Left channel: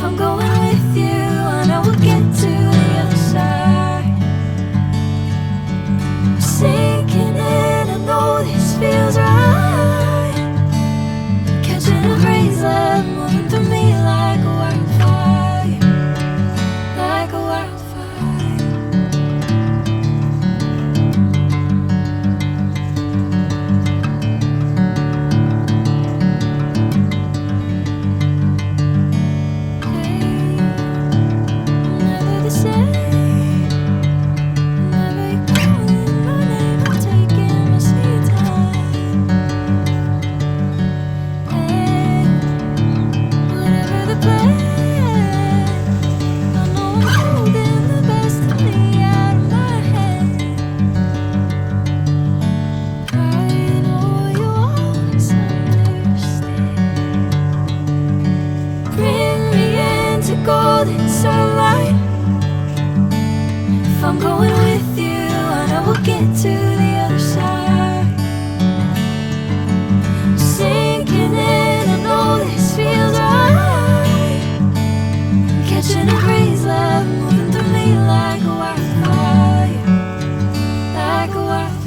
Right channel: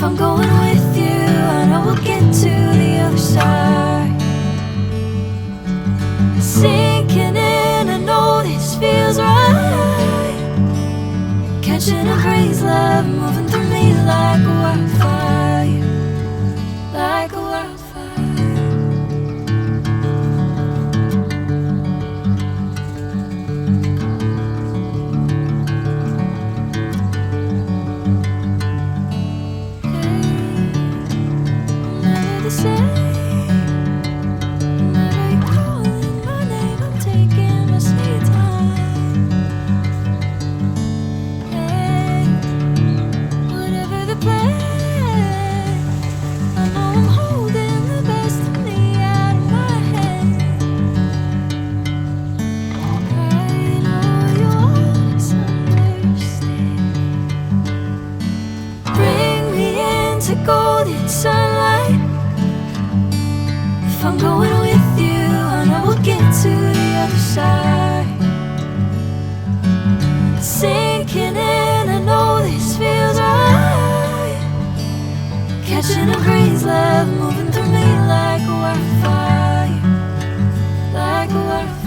If I'm going with you, I know we'll get to the other side. Sinking in, I know this feels right. Catching a crazy love, moving through me like a wildfire, like a wildfire. Never the same. Whenever you're calling my name, I'm taking my sweet time. Hey, whatever the plan, I know I'm holding the best of me out of my hand. I know you always understand. Bring me into golden sunlight. If I'm going with you, I know we'll get to the other side. Sinking in, I know this feels right. Catching a crazy love, moving through me like a wildfire, like a wildfire.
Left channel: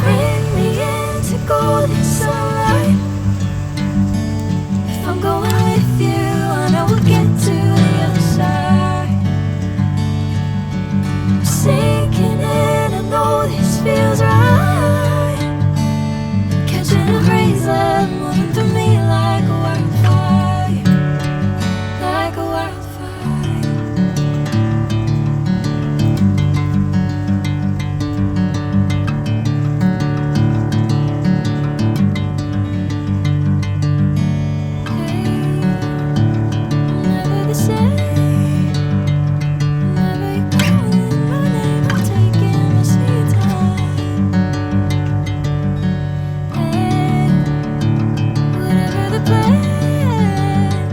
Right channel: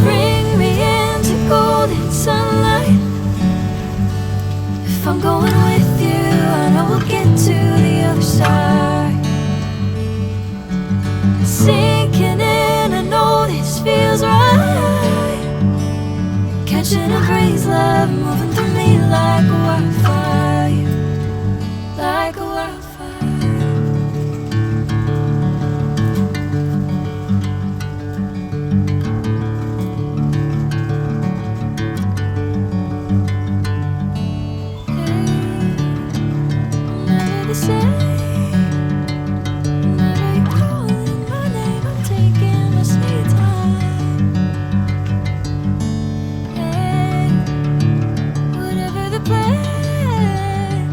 Bring me into golden sunlight. If I'm going with you, I know we'll get to the other side. Sinking in, I know this feels right. Catching a crazy love, moving through me like a wildfire, like a wildfire. Never the same. Whenever you're calling my name, I'm taking my sweet time. Hey, whatever the plan,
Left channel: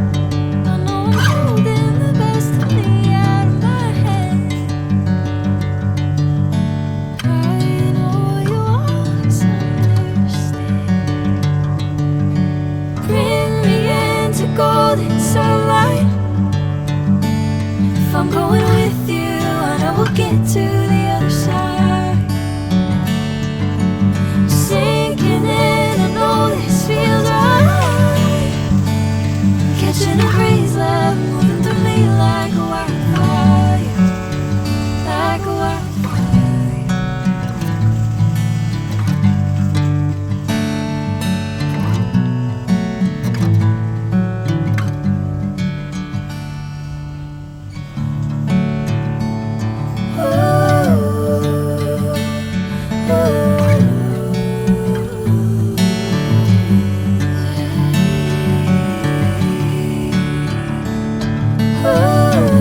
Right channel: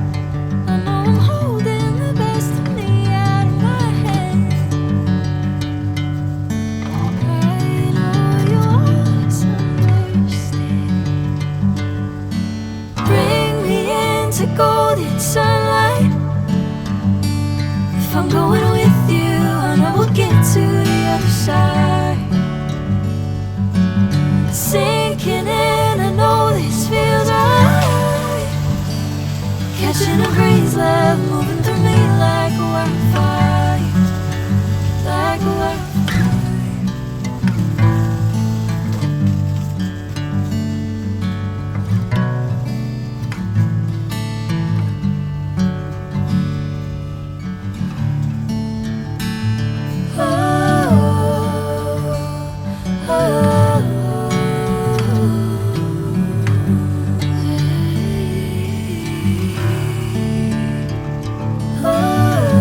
I know I'm holding the best of me out of my hand. I know you always understand. Bring me into golden sunlight. If I'm going with you, I know we'll get to the other side. Sinking in, I know this feels right. Catching a crazy love, moving through me like a wildfire, like a wildfire. Oh,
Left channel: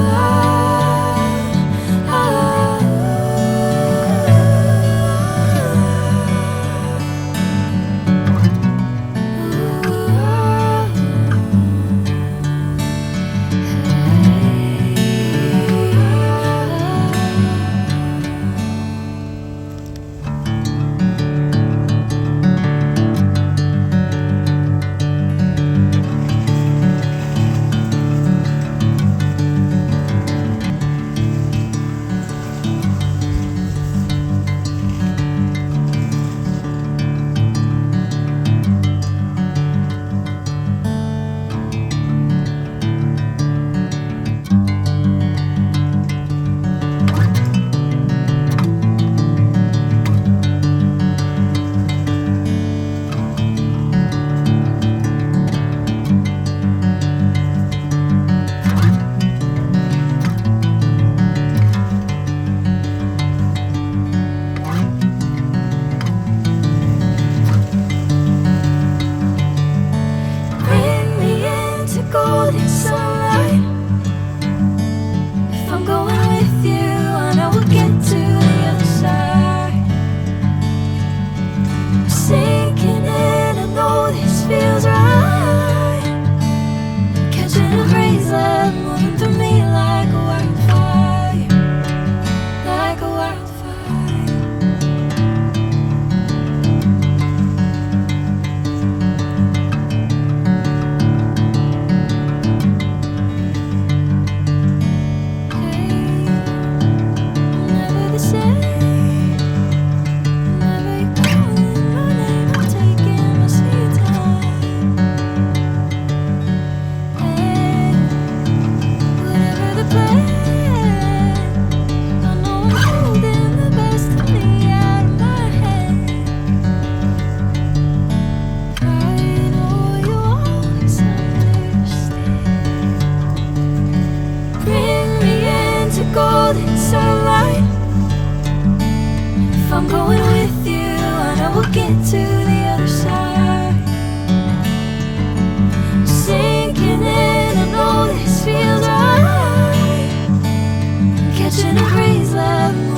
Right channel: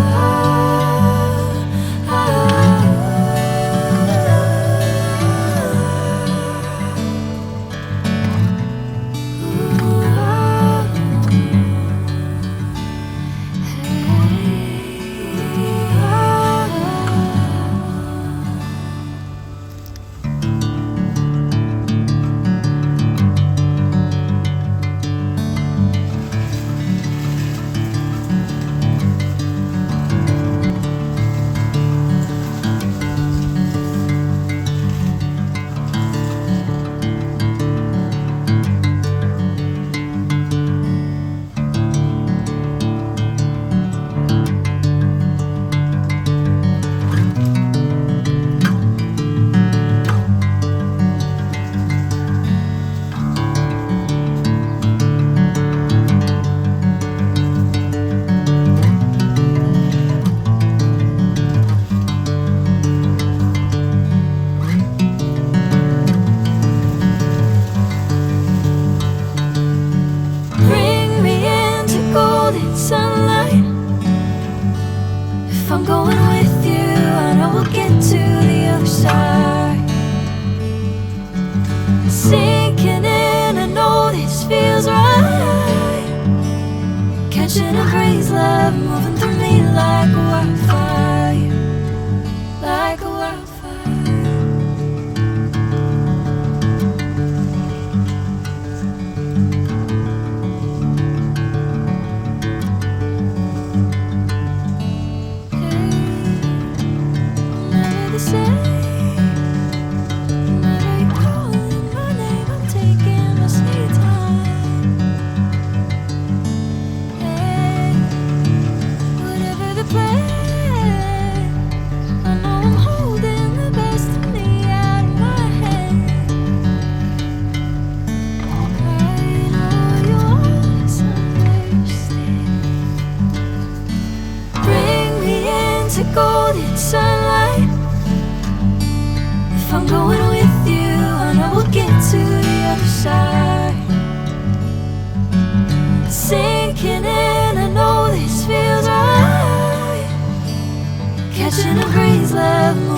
Sinking in, I know this feels right. Catching a breeze, love moving through me like a wildfire, like a wildfire. Hey, I'm never the same. Whenever you're calling my name, I'm taking my sweet time. Hey, whatever the plan, I know I'm holding the best of me out of my head. I know you always understand. Bring me into golden sunlight. If I'm going with you, I know we'll get to the other side. Sinking in, I know this feels right. Catching a breeze, love.